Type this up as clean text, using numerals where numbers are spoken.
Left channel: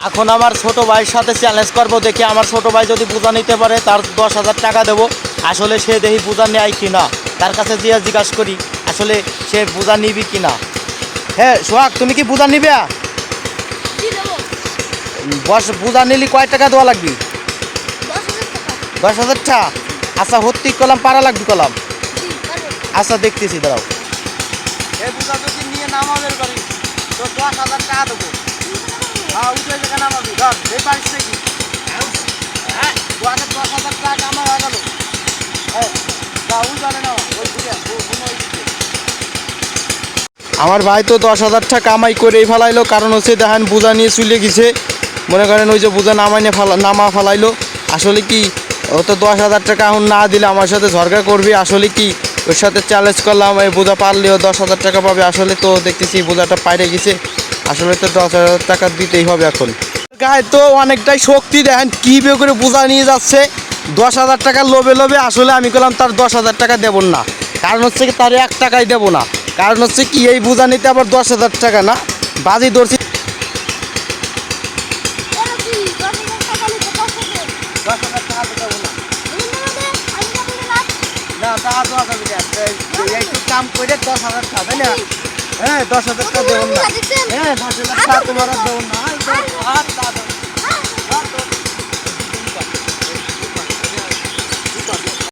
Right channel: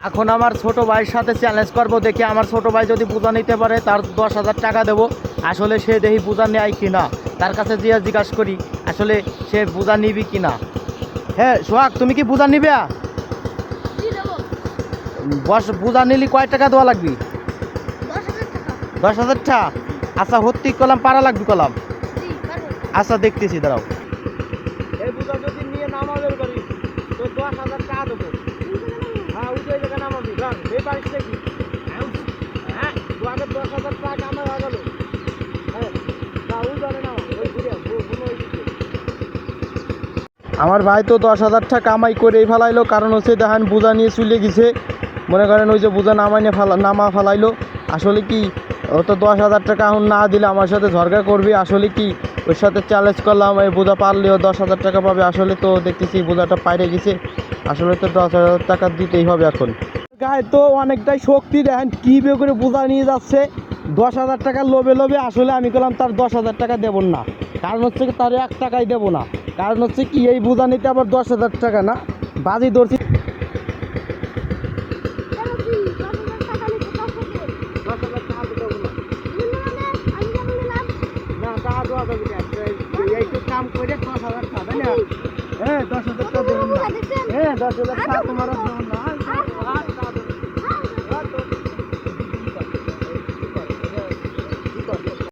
এখন আমার ছোট ভাইয়ের সাথে চ্যালেঞ্জ করবো, দেখি আমার ছোট ভাই যদি বোঝা নিতে পারে তার 10,000 টাকা দেবো। আসলে সে দেখি বোঝা নেয় কি না, তার কাছে গিয়ে জিজ্ঞাসা করি আসলে সে বোঝা নিবি কি না। হ্যাঁ সোহাগ, তুমি কি বোঝা নিবে? বোঝা নিলি কয় টাকা দেওয়া লাগবে? 10,000 টাকা। আচ্ছা হত্যি কলাম পারা লাগবে কলাম। আচ্ছা দেখতেছি, দাঁড়াও। এই বোঝা যদি নিয়ে নামাবের পারি তো 10,000 টাকা দেবো। হ্যাঁ উঠলে যেখানে নামাবি ধর এই পারিস নাকি? হ্যাঁ 10,000 টাকা আমার হয়ে গেল। আমার ভাই তো 10,000 টাকা কামাই করে ফেলাইলো, কারণ হচ্ছে দেখেন বোঝা নিয়ে চলে গেছে। মনে করেন ওই যে বোঝা নামা ফেলাইলো। আসলে কি ও তো 10,000 টাকা এখন না দিলে আমার সাথে ঝগড়া করবে। আসলে কি ওর সাথে চ্যালেঞ্জ করলাম, এই বোঝা পারলেও 10,000 টাকা পাবে। আসলে তো দেখতেছি বোঝাটা পাইরে গেছে, আসলে তো 10,000 টাকা দিতেই হবে। এখন গায়ে তো অনেকটাই শক্তি, দেখেন কী বে করে বোঝা নিয়ে যাচ্ছে 10,000 টাকার লোভে লোভে। আসলে আমি বললাম তার 10,000 টাকা দেবো না, কারণ হচ্ছে কি তার 1 টাকাই দেবো না। কারণ হচ্ছে কি এই বোঝা নিতে আবার 10,000 টাকা না, বাজি ধরছি। 10,000 টাকা তো দেবো না, না টাকা দেওয়া যাবে না। একটু কাম করে 10,000 টাকা, তাই না? হ্যাঁ 10,000 টাকা দেবো না, হ্যাঁ 10,000 টাকা তোমার আর দেবো না।